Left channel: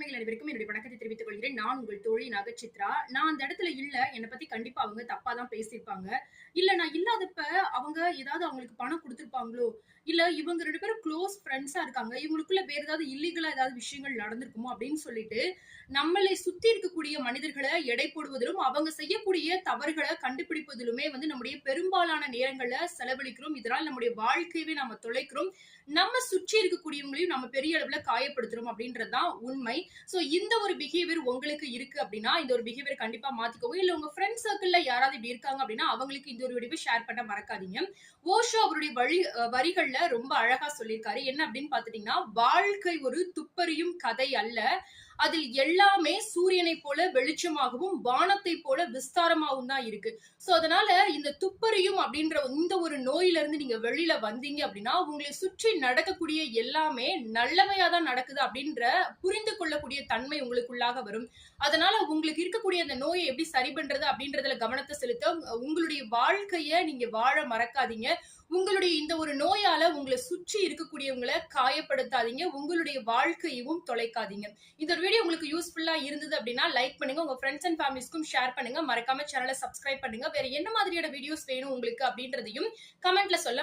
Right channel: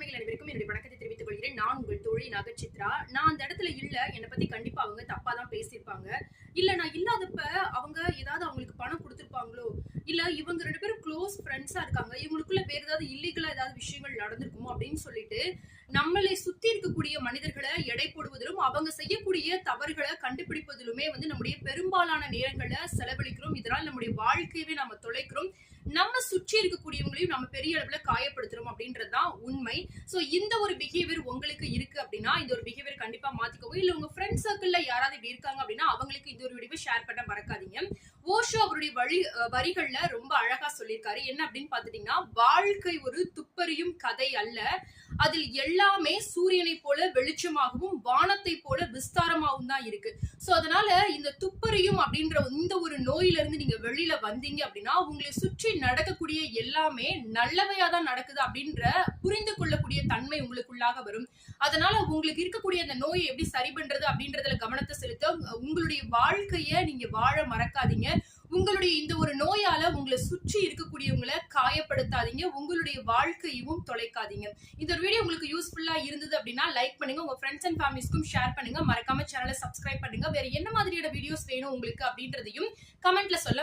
உண்மைகள் அனைவருக்கும் என்னுடைய வணக்கத்தை தெரிவித்துக் கொள்கிறேன். நான் உங்கள் தோழி நகச்சித்ரா. நான் அந்த இடத்துல இல்ல. என்னை பத்தி கண்டிப்பா அவங்க தப்பா தான் பேசியிருப்பாங்க. இல்ல நான் இல்லாதப்ப அவங்க ஏதாவது அவங்களுக்கு பணம் குடுத்திருப்பாங்களோ, இல்ல இவங்க 2 பேரும் க்ளோஸ் ஃப்ரெண்ட்ஸா இருக்காங்க. இவங்களுக்குள்ள வேற ஏதாவது இல்லீகலா ஏதாவது விஷயங்கள் நடந்திருக்குமோ அப்படின்னு சொல்லிட்டு, நம்மளை சுத்தி இருக்கக்கூடிய மனிதர்கள எடை போடுவதிலும், அவங்க செய்யக்கூடிய தவறுகள கண்டுபிடிப்பதிலுமே நம்முடைய பெரும்பாலான நேரங்கள செலவழிக்கிறோம். இதனால் நம்முடைய வாழ்க்கையவே நாம தொலைக்கிறோம். நம்ம சுற்றி இருக்கக்கூடியவங்களையும் நம்ம பெரிய அளவுல காயப்படுத்துறோம் அப்படின்றது தான் உண்மை. சோ இந்த ஒரு பிஹேவியர் உங்களுக்கு இருக்கு அப்படின்னா, இந்த ஒரு பிஹேவியர் கண்டிப்பா மாத்திக்கோங்க. இல்ல உங்க ஃப்ரெண்ட் சர்க்கிள்ல யாராவது இப்படி இருக்காங்க அப்படின்னா, அவங்களுக்கு இந்த ஒரு வீடியோவை ஷேர் பண்ண மறக்காதீங்க. ஓஷோ அவருடைய வரிகள்ல ரொம்ப அழகா சொல்லியிருக்காரு. என்ன அப்படின்னு பாத்துட்டீங்கன்னா, வாழ்க்கை ஒரு துப்பறியும் கதை அல்ல. அதில் எல்லாமே சூரியனை போல வெளிச்சமாகவும், வானத்தை போல விஸ்தாரமாகவும் தான் இருக்கு. சோ அதனால இந்த துப்பறியும் அப்படின்ற இந்த ஒரு நோயில இருந்து நீங்க வெளியில வந்தீங்க அப்படின்னா, உங்களை சுற்றி நடக்கக்கூடிய எல்லாமே நல்லவையா தான் நடக்குது அப்படின்ற புரிந்து கொள்ளக்கூடிய தன்மை உங்களுக்குள்ளாக வரும். அதனால உங்களுக்கு இருக்கக்கூடிய அந்த நோயை எப்படி சரி பண்றது அப்படின்றதுல கவனத்தை செலுத்த உங்களுடைய வாழ்க்கைய நீங்க வாழ மறக்காதீங்க. உங்களுடைய இந்த ஒரு நோயால உங்களை சுற்றி இருக்கக்கூடியவங்களை காயப்படுத்தாதீங்க. உங்களுடைய வாழ்க்கையவும் தொலைக்காதீங்க. இந்த ஒரு வீடியோ உங்களுக்கு யூஸ்ஃபுல்லா இருந்தது அப்படின்னா லைக் பண்ணுங்க. உங்க ஃப்ரெண்ட்ஸ் அண்ட் ஃபேமிலிஸ்க்கும் ஷேர் பண்ணுங்க. மறக்காம சேனலை சப்ஸ்கிரைப் பண்ணுங்க. வேற என்ன மாதிரியான வீடியோஸ் வேணும் உங்களுக்கு அப்படின்றதையும் கமெண்ட்ல சொல்ல